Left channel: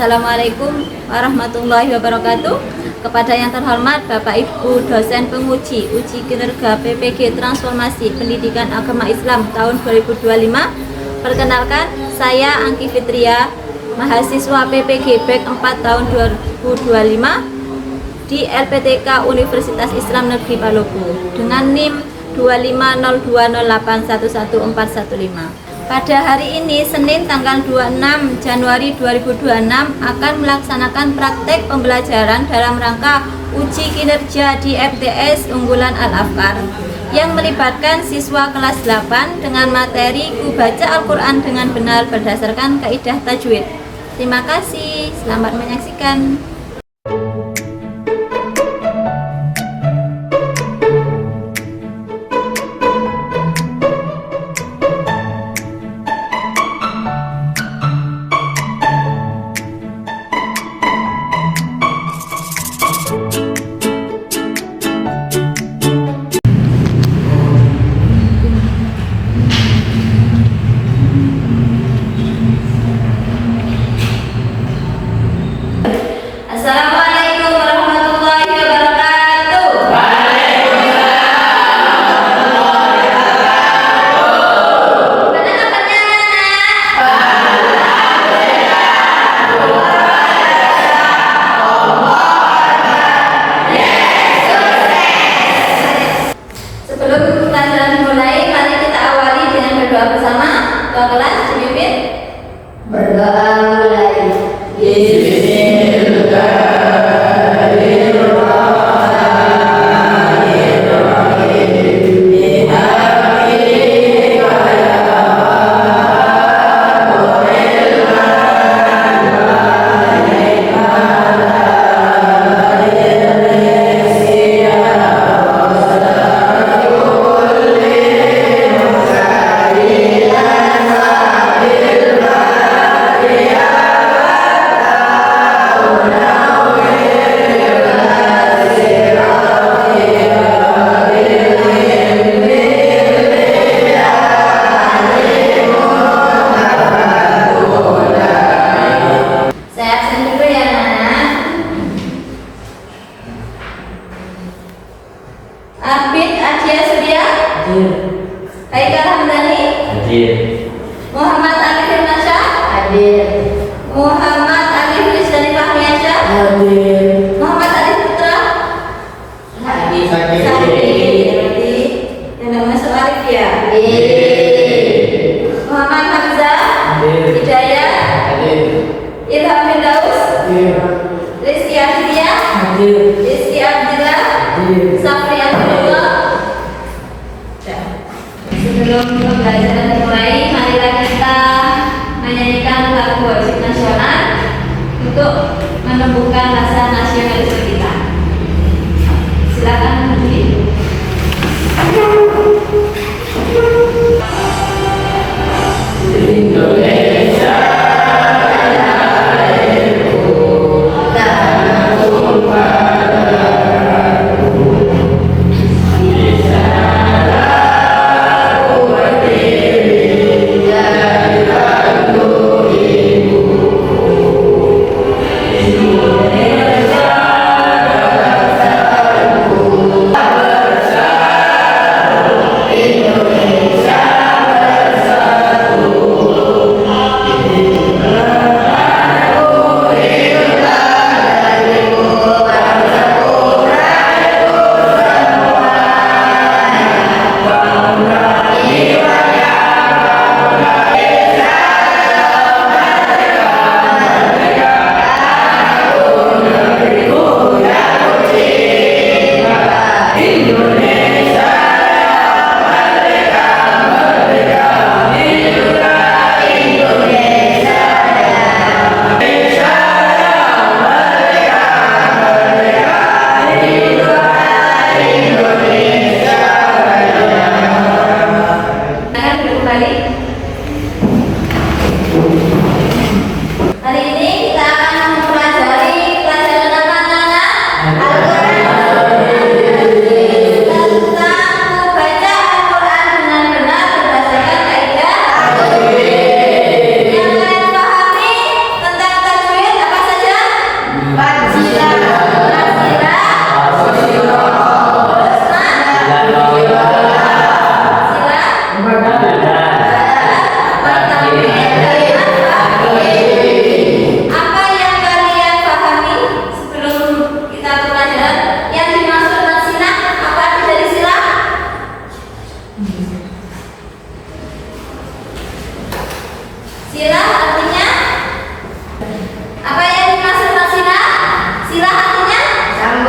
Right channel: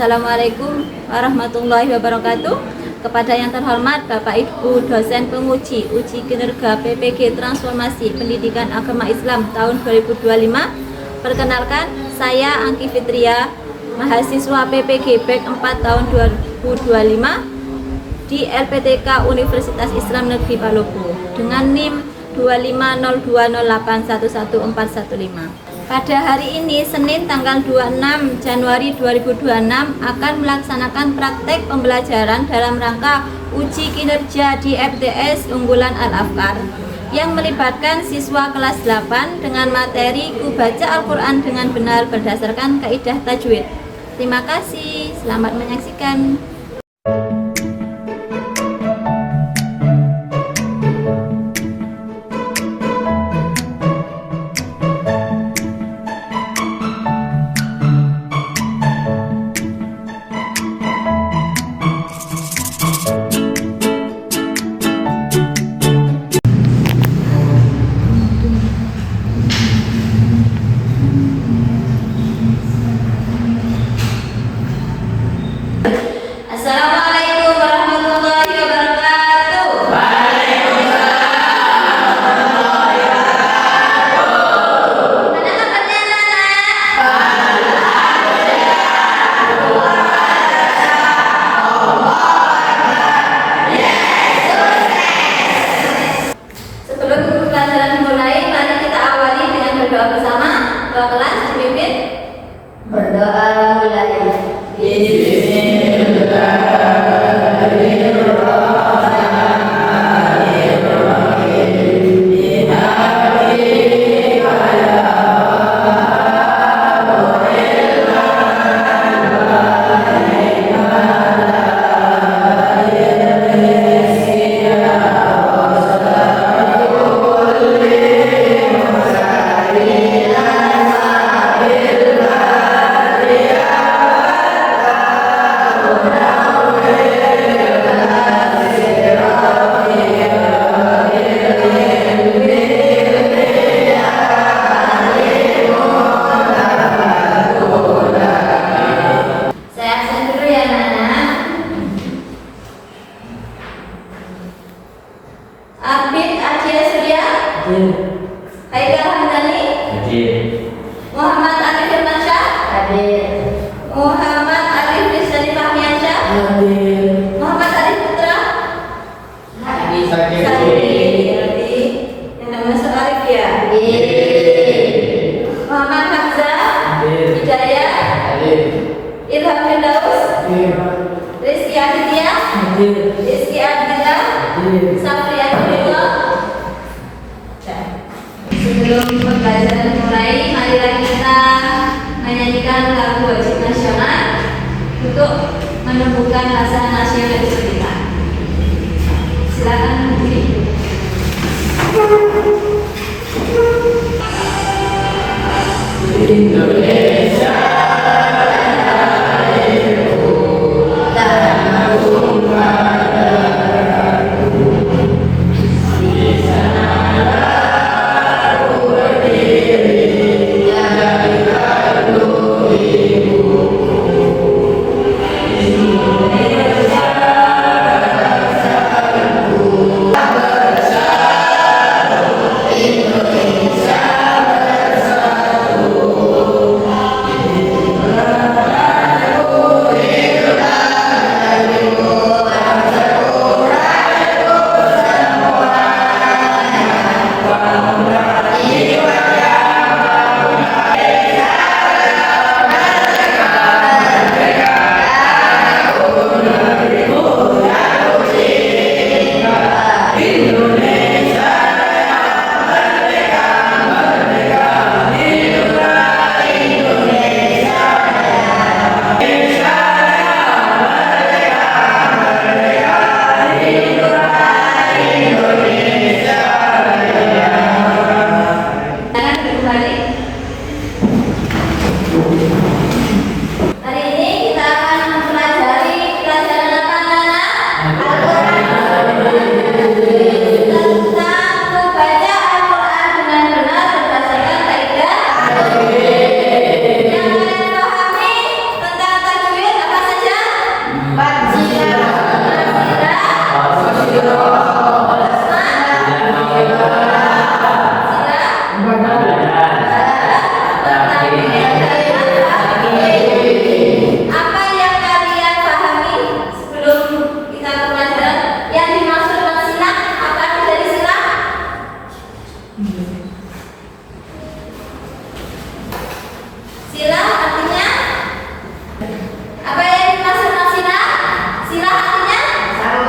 Assalamualaikum warahmatullahi wabarakatuh. Kepada yang terhormat Bapak Ibu dosen penguji uji kinerja PPG Transformasi Pendidikan Agama Islam tahun 2025. Perkenalkan, saya Angki Fitria, mahasiswa PPG BEK 4 tahun 2025 di LPTK Universitas Islam Negeri Palopo dengan NIM 25020811415. Pada hari ini, Senin tanggal 26 Januari 2026 akan melaksanakan praktek pembelajaran dalam rangka uji kinerja di FTS Unggulan Al-Afkar yang melibatkan siswa kelas 8 dengan materi Baca Al-Quran dengan benar berdasarkan kaidah tajwid. Terima kasih, selamat menyaksikan. Assalamualaikum warahmatullahi wabarakatuh. Gimana kabarnya anak-anak? Sebelum pelajaran dimulai, mari kita awali dengan berdoa bersama. Ketua kelas dipimpin berdoa mulai. Abid Adia Surya, Haikal Hamdani, Muhammad Ali Firmansyah, Muhammad Ali Rizani Fahmiansyah, Muhammad Ali Putra, berarti yang tak masuk Arif ya. Muhammad Hamzah, Hidayah, Ilham Firdaus, Rizky Aditya, Rizky Abdillah, Safri Abdullah. Sebelum pembelajaran dimulai, marilah kita menyanyikan lagu wajib nasional untuk menumbuhkan rasa nasionalisme kita. Silakan Budi. Indonesia. Indonesia.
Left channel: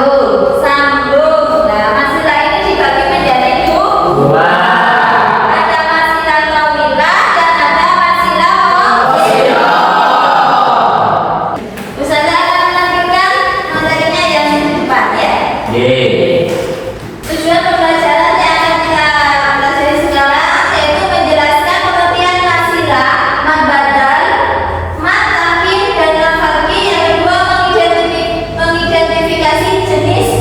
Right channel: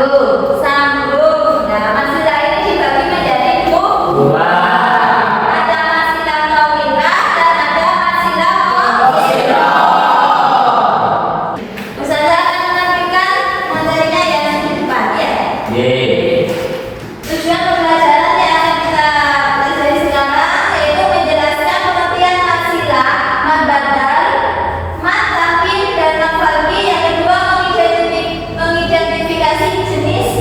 Sambung. Nah, masilah ini dibagi menjadi dua. Ada masilah tawilah dan ada masilah qasirah. Ustazah akan menampilkan materinya yang di depan ya. Tujuan pembelajaran yang akan kita pelajari sekarang yaitu menjelaskan pengertian masilah, mad badal, mad takhir dan mad farqi. Yang kedua mengidentifikasi jenis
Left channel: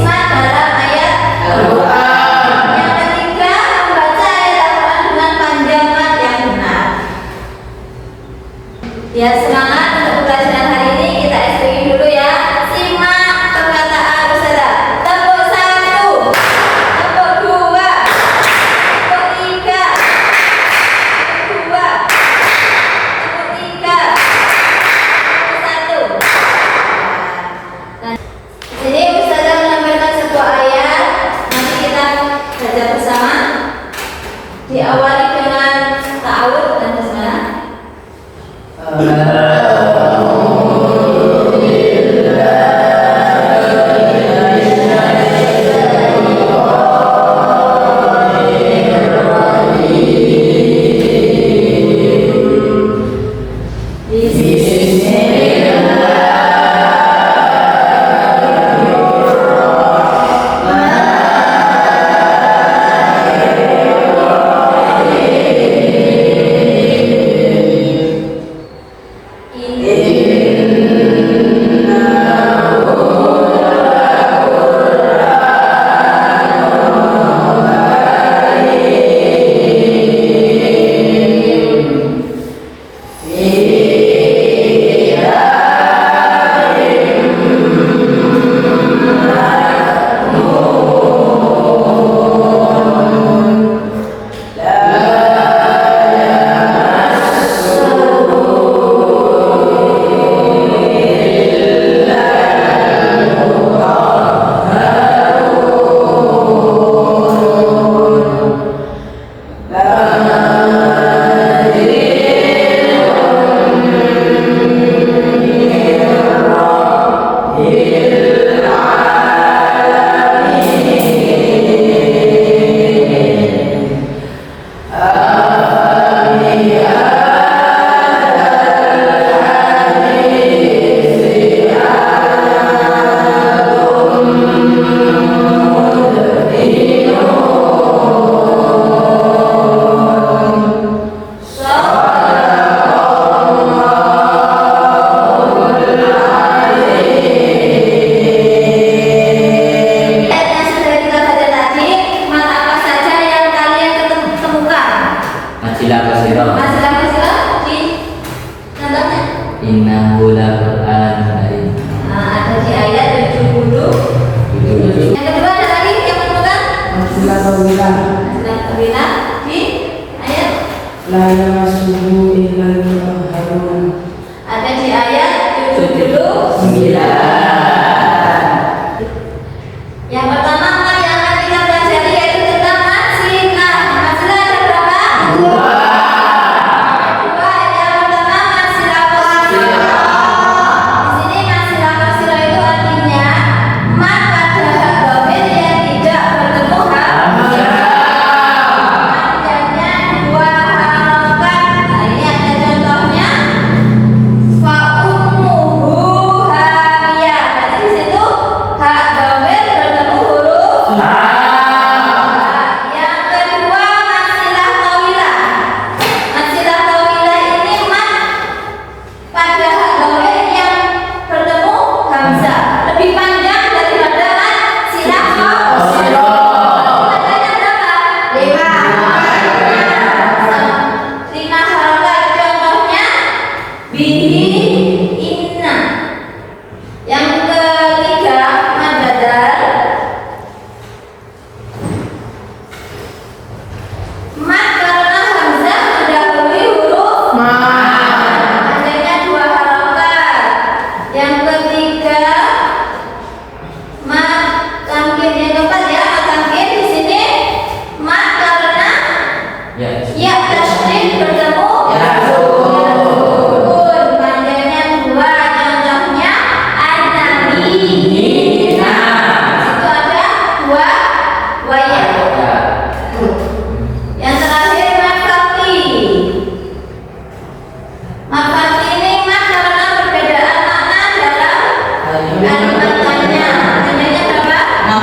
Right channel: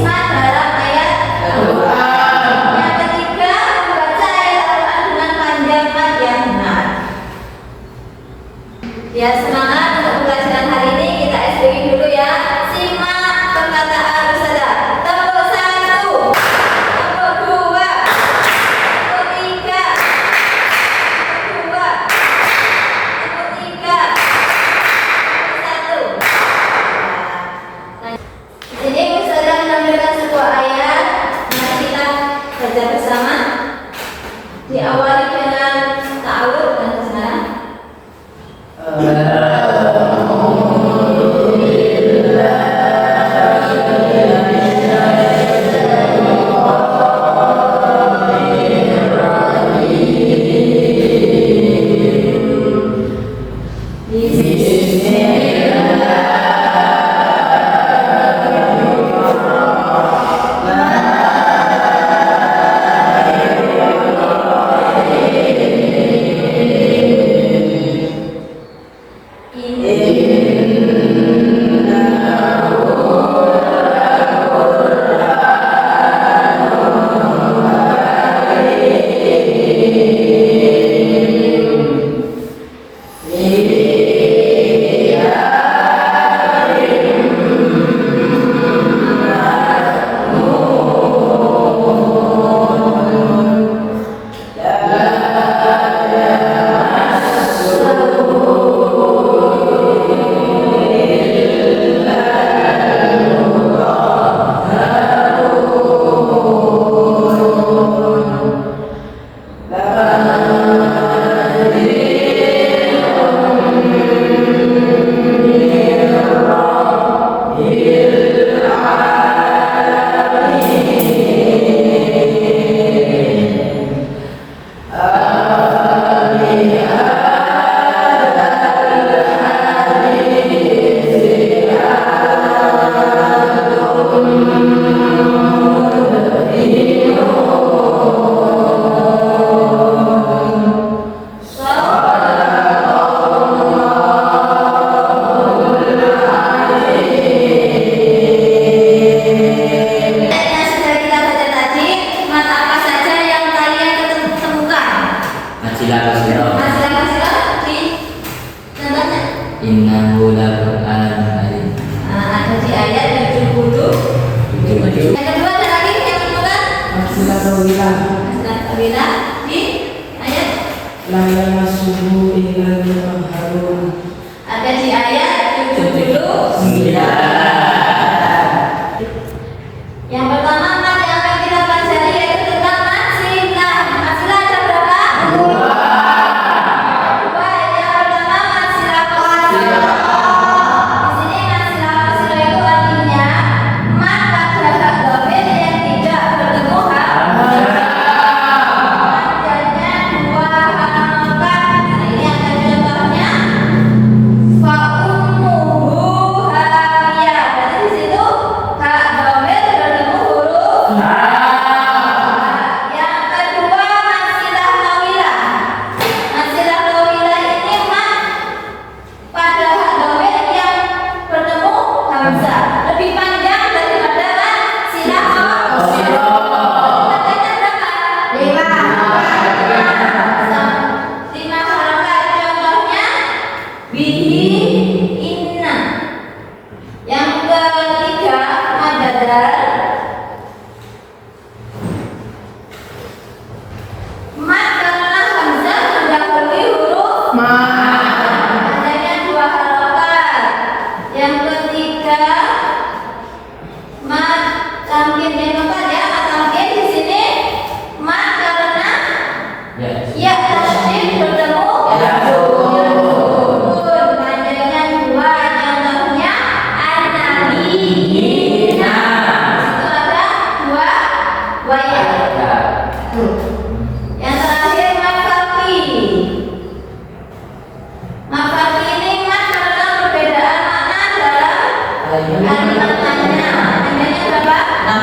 Tanya. Tanyanya berapa?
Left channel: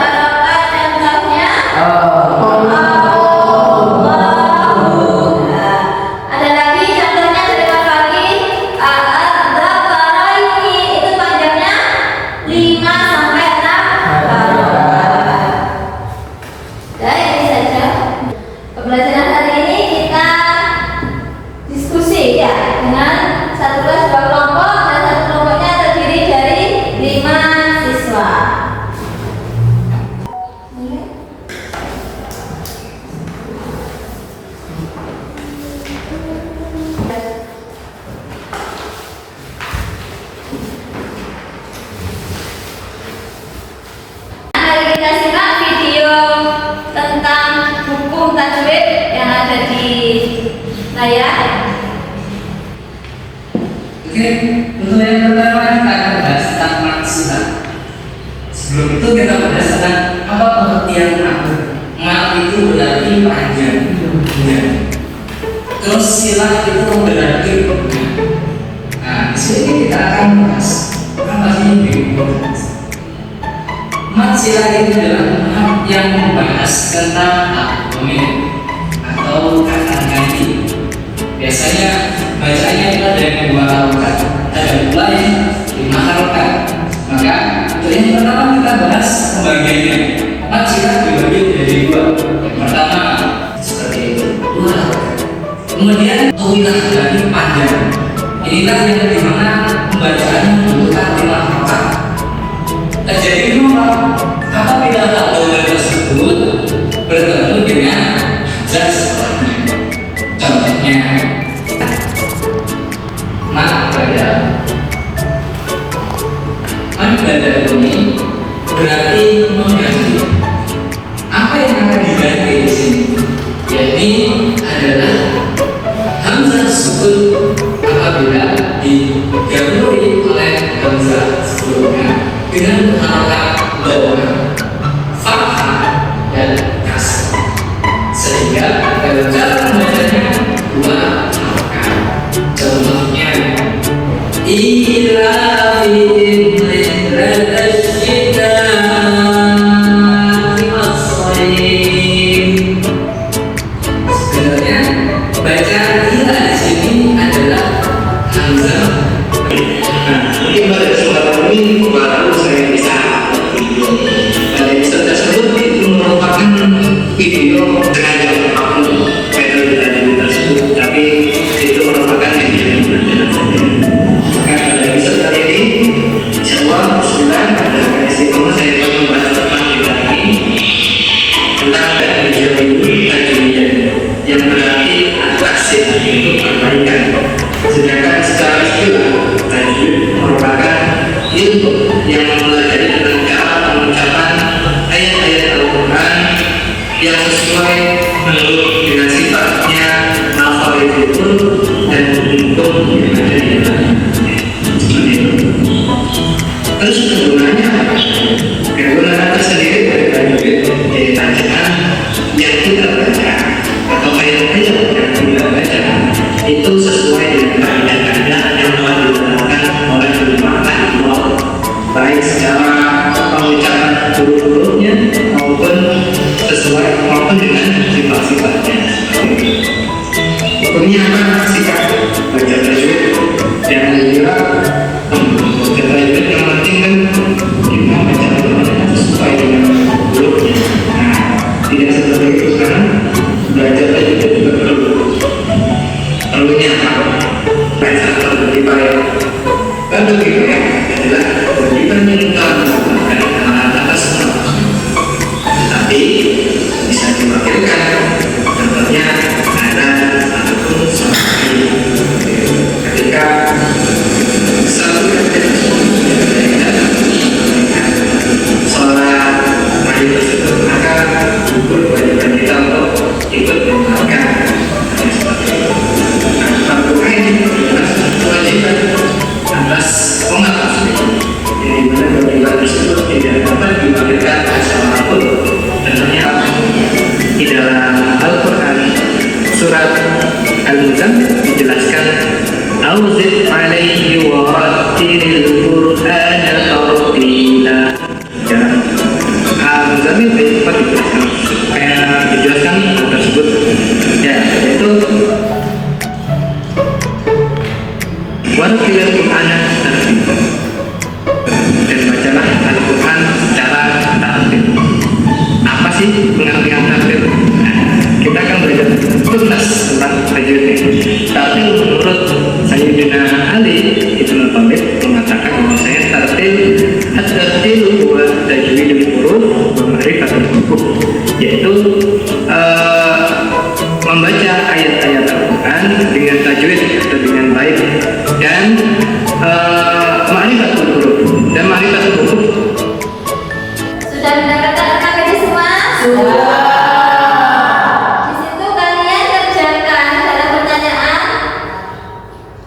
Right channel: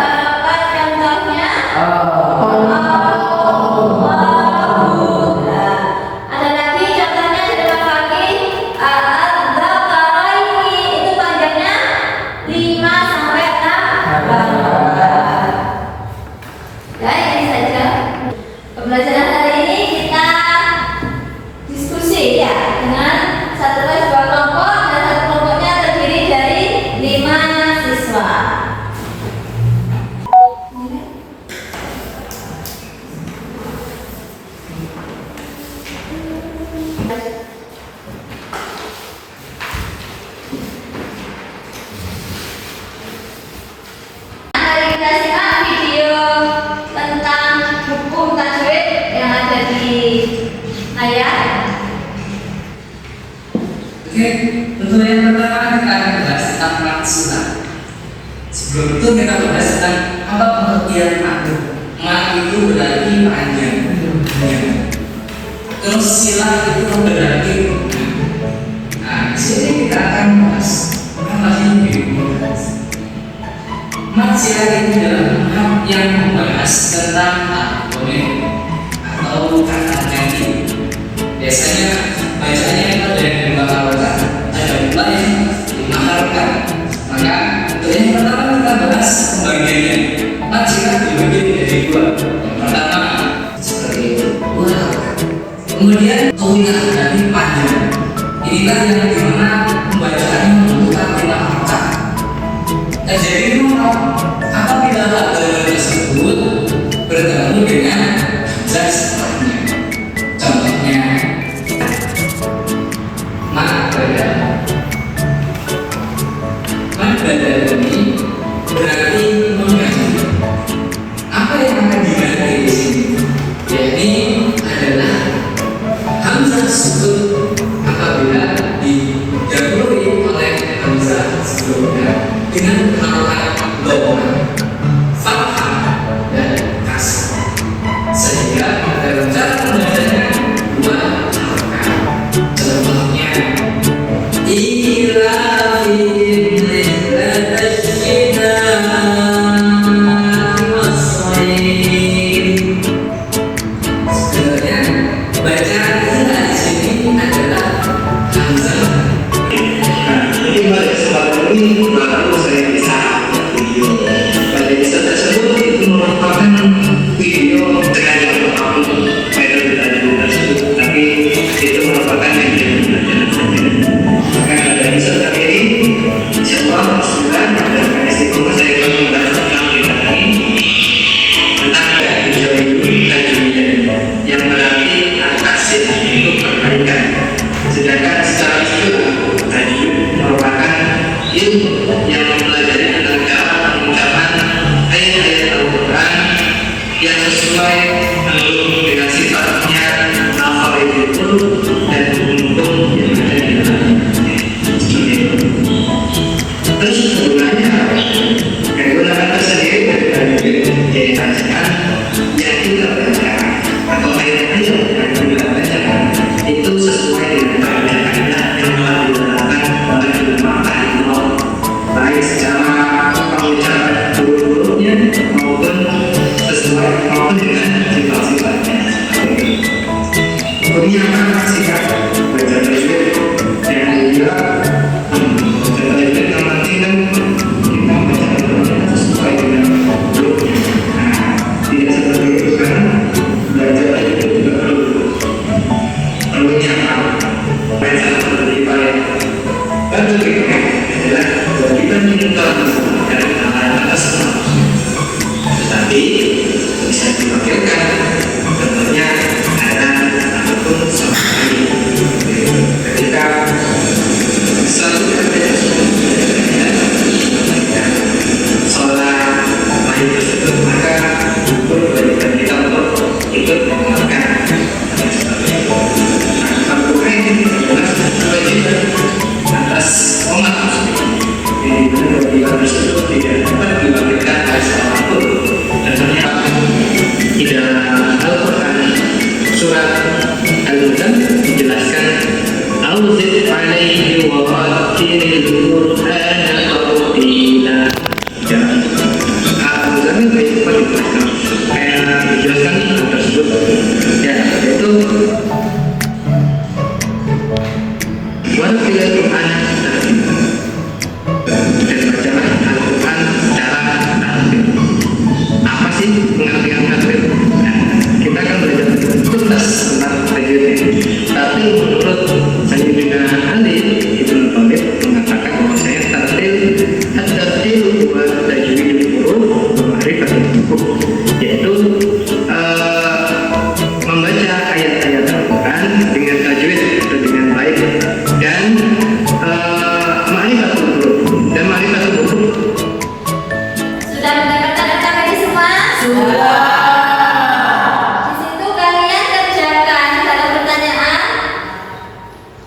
Harapan yang taunya? Ada lagi contohnya sederhana lagi. Al-Dzakaraini itu panjangnya 5 sampai 6. Dan ini saja pembelajaran hari ini. Kita diskusi ya dengan satu kelas 2 kelompok dan satu kelompoknya terdiri dari 5 siswa. Mari kita simak video tentang hukum tajwid yang ada di layar. Oke, untuk yang pertama kita akan bahas tentang maksudah. Sebelum itu kita bahas tentang apa pengertian makna. Mak itu berarti panjang. Terus silah itu berarti rukun. Nah, di sini kita akan bahas apa sih mat silah itu adalah mat yang membahas tentang argumen atau kata ganti. Biasanya bacanya itu ada yang 2 harokat, ada pula yang 5 harokat. Maka untuk yang pertama kita bahas pembagiannya. Mat silah dibagi menjadi 2. Yang pertama seperti itu, 2 harokat. Kemudian tawilah berarti panjang. Inilah yang dimana pembacaannya membutuhkan 5 harokat. Terjadi nomor apabila hal tersebut bertemu dengan zat setelahnya. Contohnya man badal ini berarti mengganti. Apa yang akan diganti di sini? Yakni adalah hamzah sukun apabila digabungkan oleh hamzah sebelumnya dengan harokat dhamma, fathah dan kasrah, sehingga dalam cara membacanya 2 harokat. Contohnya ila sebenarnya bacaan ila di sini adalah hamzah. Mungkin pada kesempatan ini baru saya bisa video. Pada episode tersebut itu merupakan video dengan yang apapun metode tadi tersebut, tapi itu merupakan video pembelajaran saja. Maka pada episode kali ini, insyaallah bismillah pada kali ini saya akan membahas tentang video ini tentang video ini tajwid yang berarti atraksi untuk perbaikan. Sedangkan secara istilah tajwid merupakan ilmu yang mempelajari tentang cara pengucapan ayat-ayat Al-Quran yang sesuai menurut dengan sifatnya makharijul dan hukum yang ada di dalamnya. Terus kegunaannya apa? Kegunaan tersendiri dari tajwid yaitu bacaan yang kita baca atau ayat-ayat yang kita baca itu sesuai dengan kaidah-kaidah yang telah diterapkan oleh ulama Allah, baik secara pengucapan huruf-hurufnya maupun dengan sifat-sifatnya. Hukumnya apa sikap baca tajwid? Yang kedua, baca tajwid yang penting kan kita baca tajwid sesuai dengan hurufnya. Nah, tidak seperti itu karena belajar tajwid juga perlunya apa? Baca berdipayak. Dan berdipayak adalah kewajiban yang telah melakukan amalan atas nama. Tetapi bisa diwakilkan, contohnya ada ataupun sama sekali. Ketika selalu ada sholat wajib tersebut, maka itu kewajiban kita untuk ikut menjalankan. Kewajiban atas umat muslim, yang dimana kewajiban tersebut Qur'ana tartila. Dan Hamzah ini baik kayak dijelaskan tersebut. Ya, itu Warqiyah Qur'ana dan bacalah Al-Quran secara tartil. Apa sih pengertian tartil? Kita akan belajar tuntas tentang tajwid ini. Tapi menurut Sayyidina Ali Ibn Thalib mengatakan bahwasanya tartil at-tartil huwa tajwidul huruf wa ma'rifatul huruf, yaitu membaca ayat-ayat Al-Quran dengan tajwid atau dengan baik dan ma'rifatul huruf dan ma'rifatul huruf. Sudah mendapatkan rekam ini semua? Sudah. Di situ kalian kerjakan dalam pertanyaan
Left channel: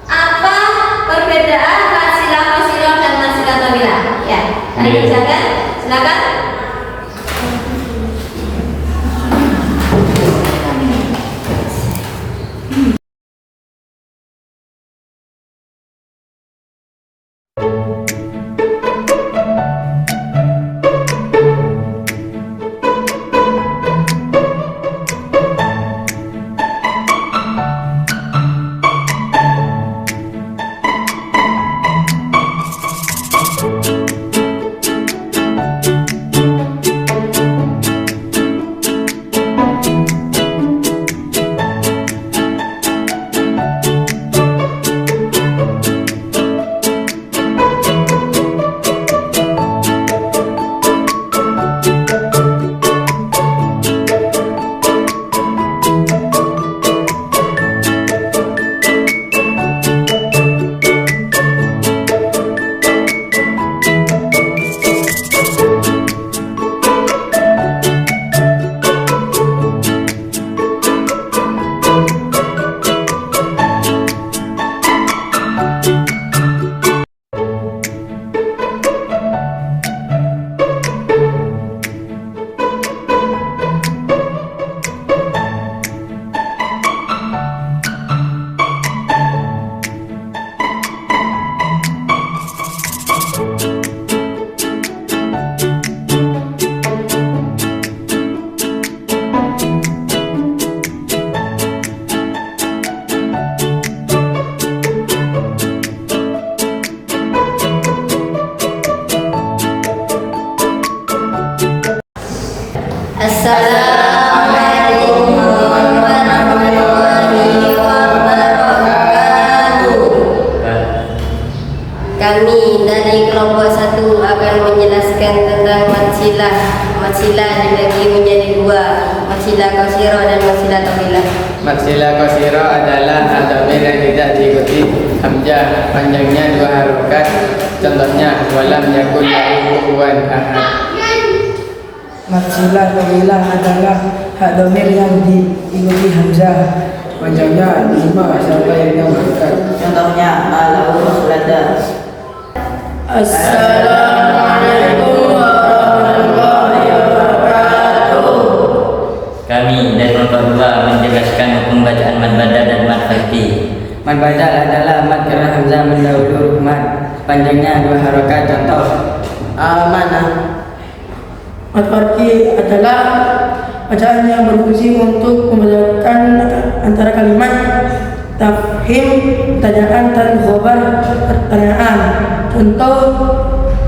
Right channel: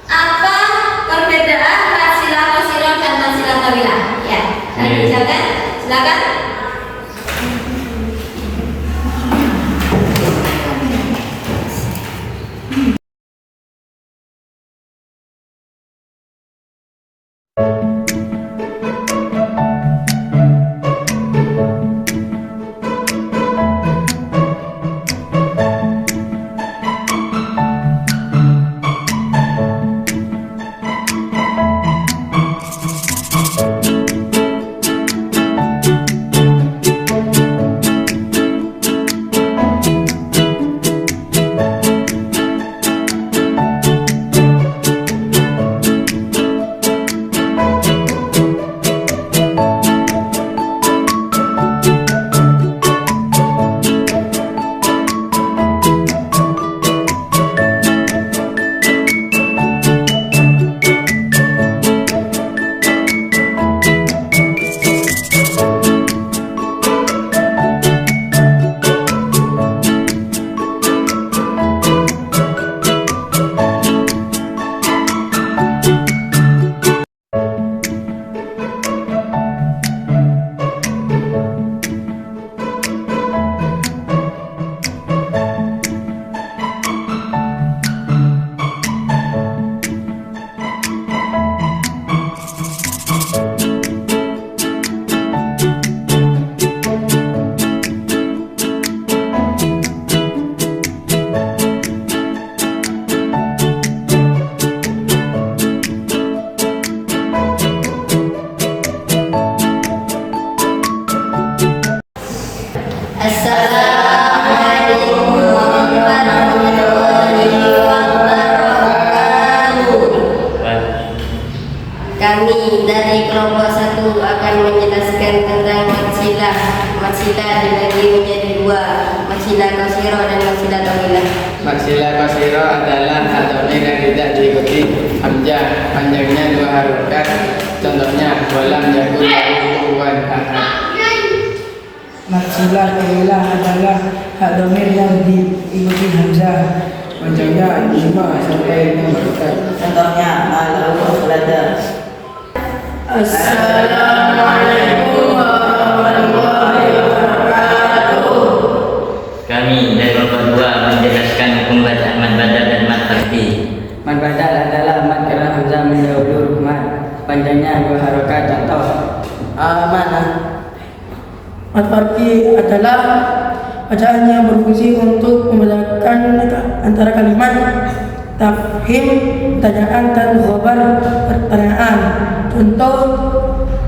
apa perbedaan fasilah qasirah dan fasilah tawilah. Ya, kalian kerjakan. Silakan. Assalamualaikum warahmatullahi wabarakatuh. Kami dari kelompok 1 akan menjelaskan tentang matsilah. Matsilah dibagi menjadi 2, matsilah qasirah dan matsilah tawilah. Maksilah qasirah adalah ad-dhamir yang tidak diikuti hamzah, panjangnya 2 harokat. Contohnya walam yakun lahu kufuwan ahad. Maksilah tawilah adalah hak dhamir yang diikuti hamzah, panjangnya 5 sampai 6 harokat. Contohnya malahu rasulada. Assalamualaikum warahmatullahi wabarakatuh. Kami dari kelompok 2 menjelaskan hukum bacaan mad badal dan mad farqi. Mad badal adalah mad karena hamzah mendahului mad, panjangnya 2 harokat. Contoh Amanah. Mad farqi adalah bacaan yang berfungsi untuk membedakan antara kalimat tafhim, pertanyaan, dan khabar pertanyaan. Contoh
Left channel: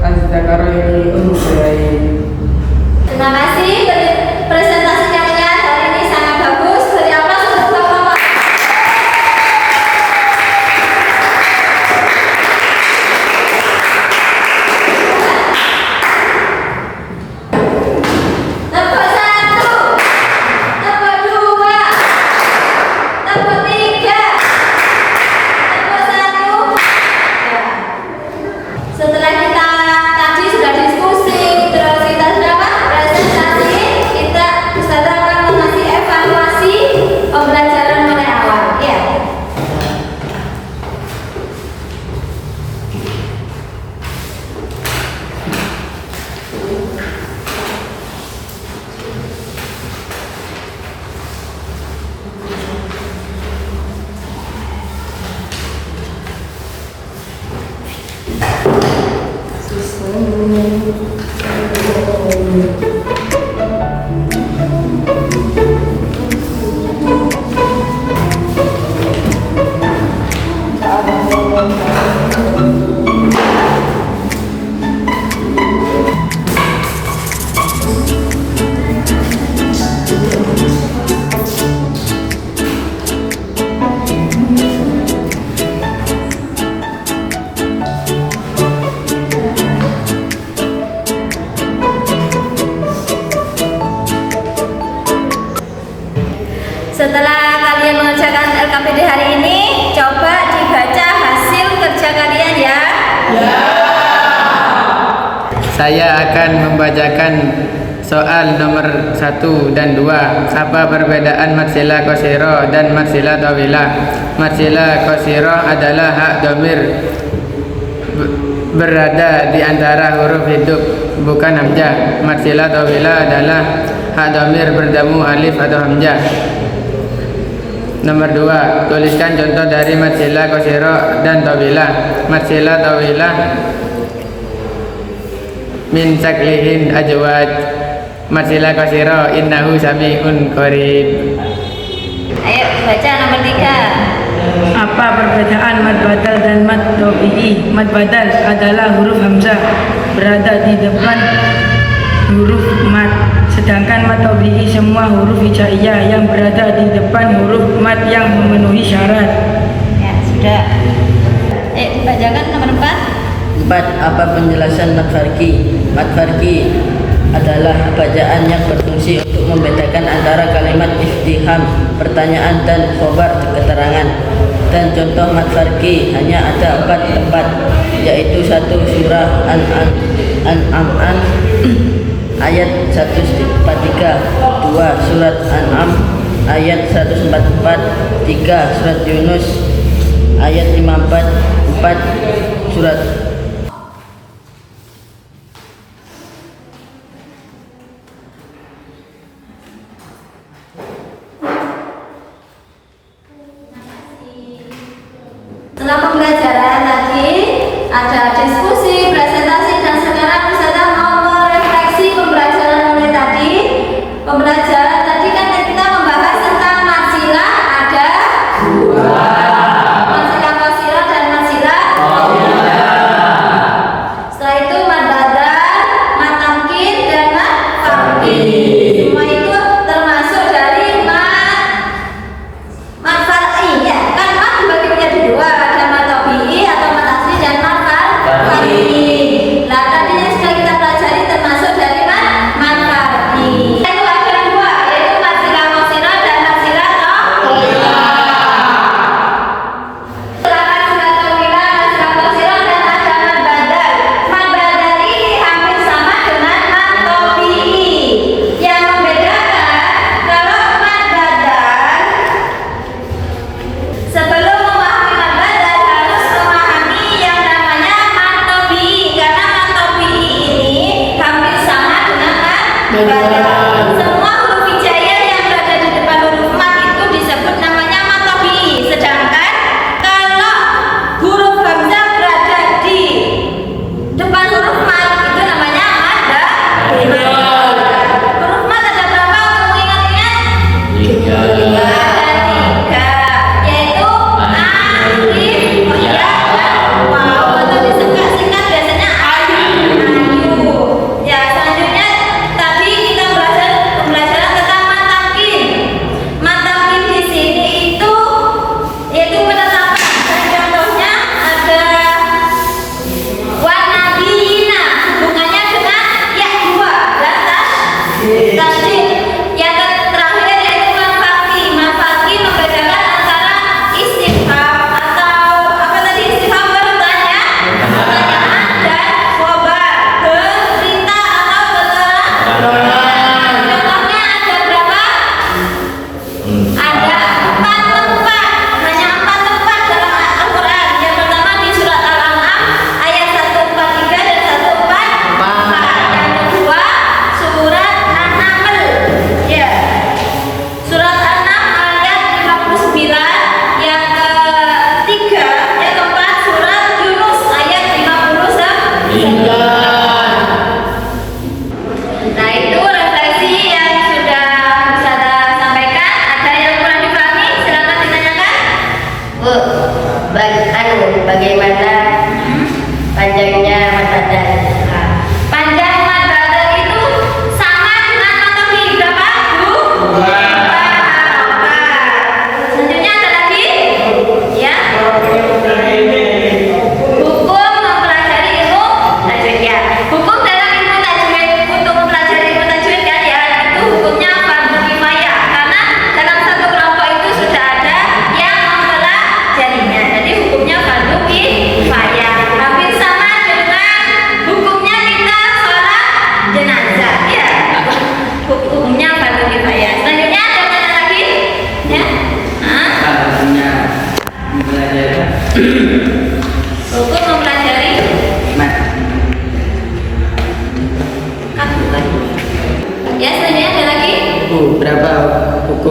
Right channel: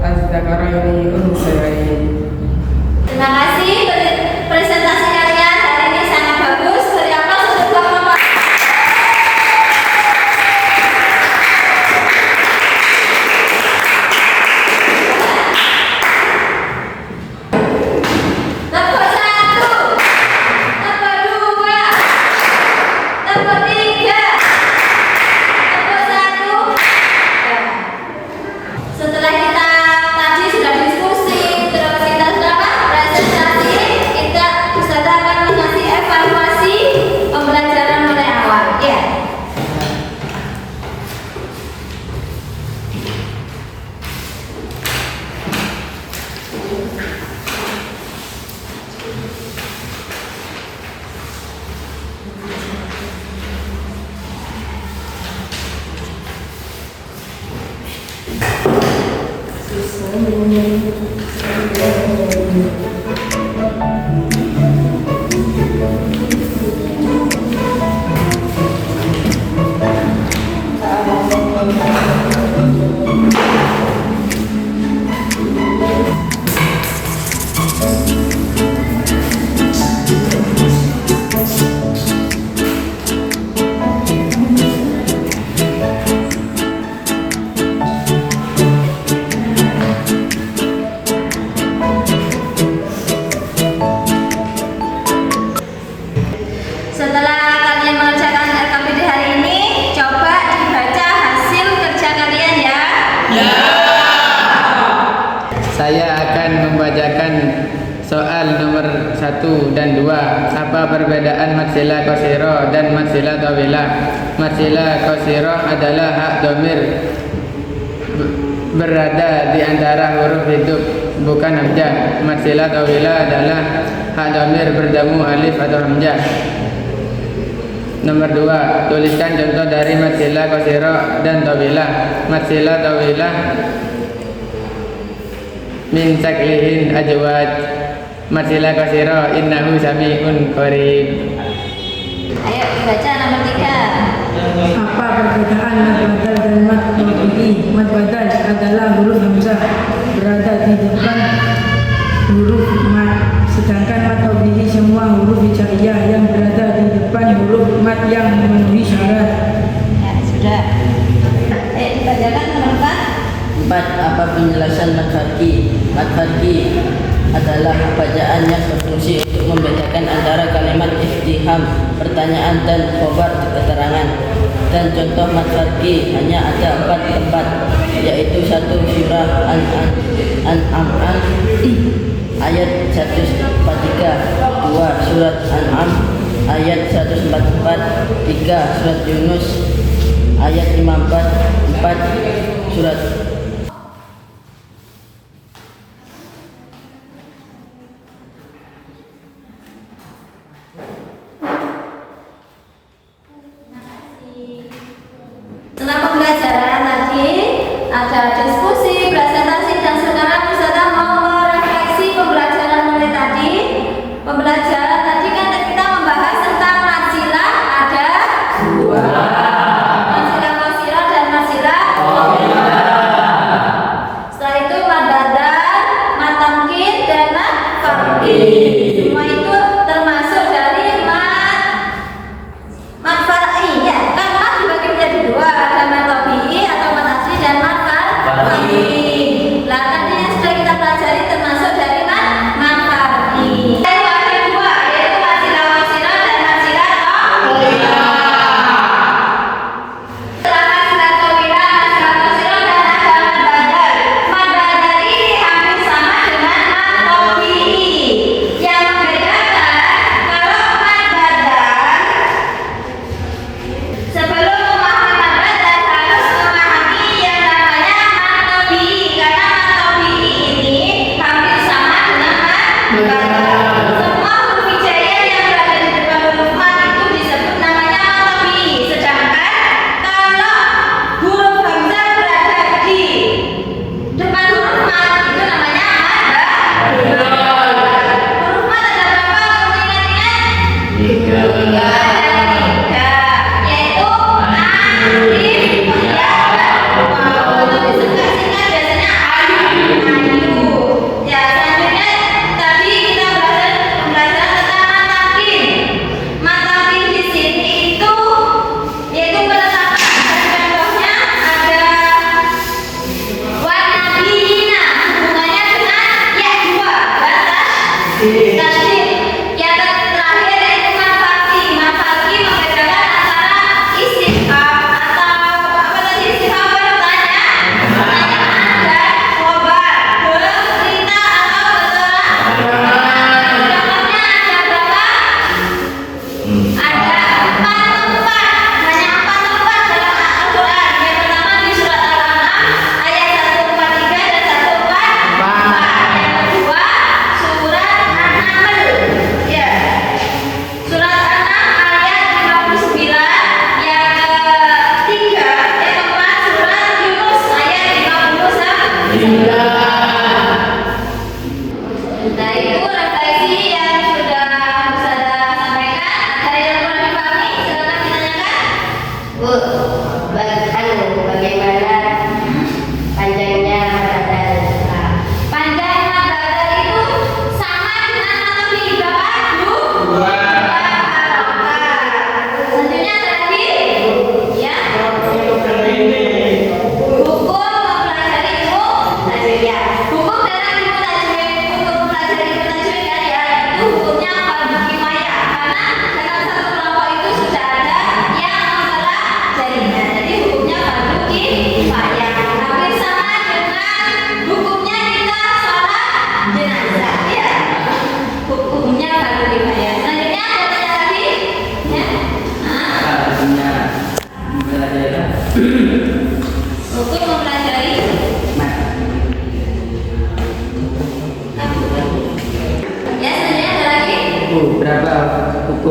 al-dzakaru yang Terima kasih presentasi kalian hari ini sangat bagus. Beri aplaus untuk kelompok. Tepuk 1, tepuk 2, tepuk 3, tepuk 1. Setelah kita tadi sudah diskusi, terus kita sudah presentasi, kita bisa Setelah kalian mengerjakan LKPD hari ini, coba dibaca hasil kerja kalian ya. Saya akan membacakan soal nomor 1 dan 2. Apa perbedaan mad silah qasirah dan mad silah tawilah? Mad silah qasirah adalah hak dhamir berada di antara huruf hidup, bukan hamzah. Mad silah tawilah adalah hak dhamir bertemu alif atau hamzah. Nomor 2, tuliskan contoh dari mad silah qasirah dan tawilah. Mad silah tawilah min saklihin ajwad. Mad silah qasirah innahu sami'un qarib. Ayo baca nomor 3. Apa perbedaan mad badal dan mad tabi'i? Mad badal adalah huruf hamzah berada di depan huruf mad, sedangkan mad tabi'i semua huruf hijaiyah yang berada di depan huruf mad yang memenuhi syarat. Ya, sudah. Bacakan nomor 4. 4. Apa penjelasan mad farqi? Mad farqi adalah bacaan yang berfungsi untuk membedakan antara kalimat istifham, pertanyaan, dan khobar keterangan. Dan contoh mad farqi hanya ada 4 tempat, yaitu 1. Surah An-An'am ayat 143, 2. Surat An'am ayat 144, 3. Surat Yunus ayat 54, 4. Surat Setelah pembelajaran tadi ada diskusi, presentasi, dan sekarang peserta mau merefleksi pembelajaran mulai tadi. Pembelajaran tadi kan kita membahas tentang mad silah ada 2. Mad silah qasirah dan mad silah tawilah. Setelah itu mad badal, mad tamkin, dan mad farqi. Semua itu termasuk dari mad farqi ya. Kan mad dibagi menjadi 2, ada mad tabi'i atau mad asli dan mad farqi. Lah tadi yang sudah kita pelajari termasuk dari mad farqi. Yang ada 2, yaitu mad silah qasirah dan mad silah tawilah. Setelah mad silah tawilah, mad silah qasirah, dan ada mad badal. Mad badal ini hampir sama dengan mad tabi'i. Yang membedakan kalau mad badal, sebelum memahami mad badal harus memahami yang namanya mad tabi'i, karena mad tabi'i ini hampir sama dengan mad badal. Semua huruf hijaiyah yang berada di depan huruf mad itu disebut namanya mad tabi'i, sedangkan kalau huruf hamzah berada di depan huruf mad itu namanya mad badal. Huruf mad ada berapa? Kamu ingat-ingat? 3. Ada 3, yaitu alif, ya, dan waw. Atau disingkat biasanya ayu. Ya, selanjutnya tadi kita pembelajaran tentang mad tamkin. Mad tamkin di sini itu yaitu penetapan, dan contohnya ada wan nabiyina, hubungannya dengan ya 2 dan tasydid. Yang terakhir yaitu mad farqi. Mad farqi membedakan antara istifham atau apa tadi, istifham bertanya, pertanyaan, dan khobar berita atau keterangan. Contohnya ada berapa? Ada 4 tempat, hanya 4 tempat dalam Al-Quran. Yang pertama di surat Al-An'am ayat 143 dan 144. Yang kedua surat An-Naml, ya, surat An-Naml ayat 59. Yang keempat surat Yunus ayat 59.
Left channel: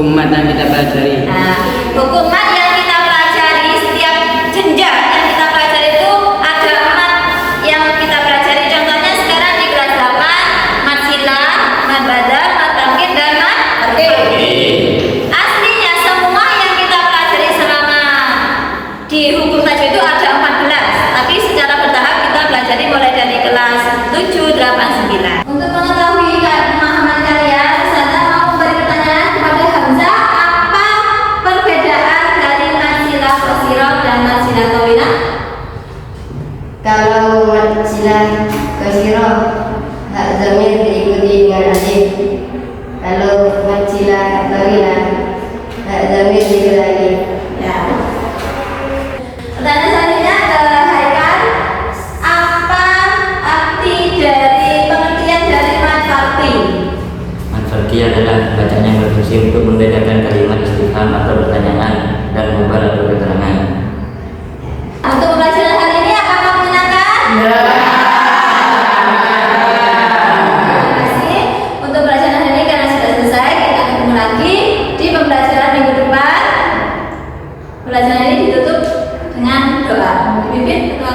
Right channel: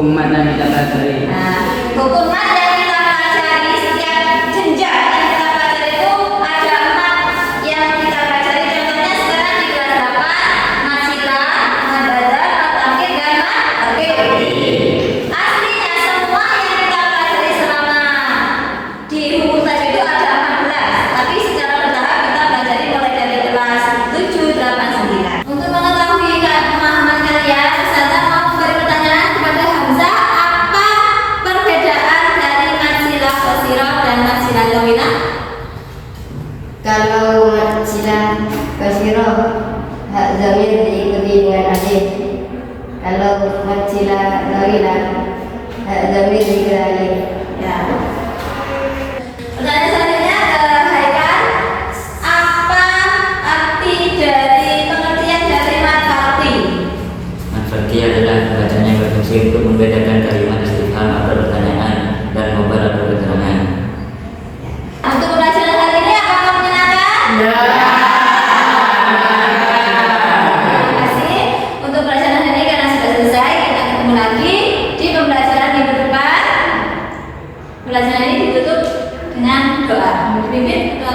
hukum mat yang kita pelajari. Nah, hukum mat yang kita pelajari, setiap jenjang yang kita pelajari itu ada mat yang kita pelajari. Contohnya sekarang di kelas 8, mat sila, mat badal, mat tangkit, dan mat tarkib. Aslinya semua yang kita pelajari selama di hukum tajwid itu ada 14, tapi secara bertahap kita pelajari mulai dari kelas 7, 8, 9. Untuk mengetahui pemahaman kalian, saya mau memberi pertanyaan kepada Hamzah, apa perbedaan dari mat sila qasirah dan mat sila tawilah? Kalau mat sila qasirah, hak zamir diikuti dengan alif. Kalau mat sila tawilah, hak zamir diikuti alif. Ya. Pertanyaan selanjutnya ke Haikal, apa arti dari pengertian dari mat farti? Mat farti adalah bacaan yang berfungsi untuk membedakan kalimat istifham atau pertanyaan dan khobar atau keterangan. Untuk pembelajaran hari ini apakah menyenangkan? Terima kasih untuk pembelajaran hari ini karena sudah selesai. Kita ketemu lagi di pembelajaran minggu depan. Pembelajaran ini ditutup dengan doa. Dipimpin ketua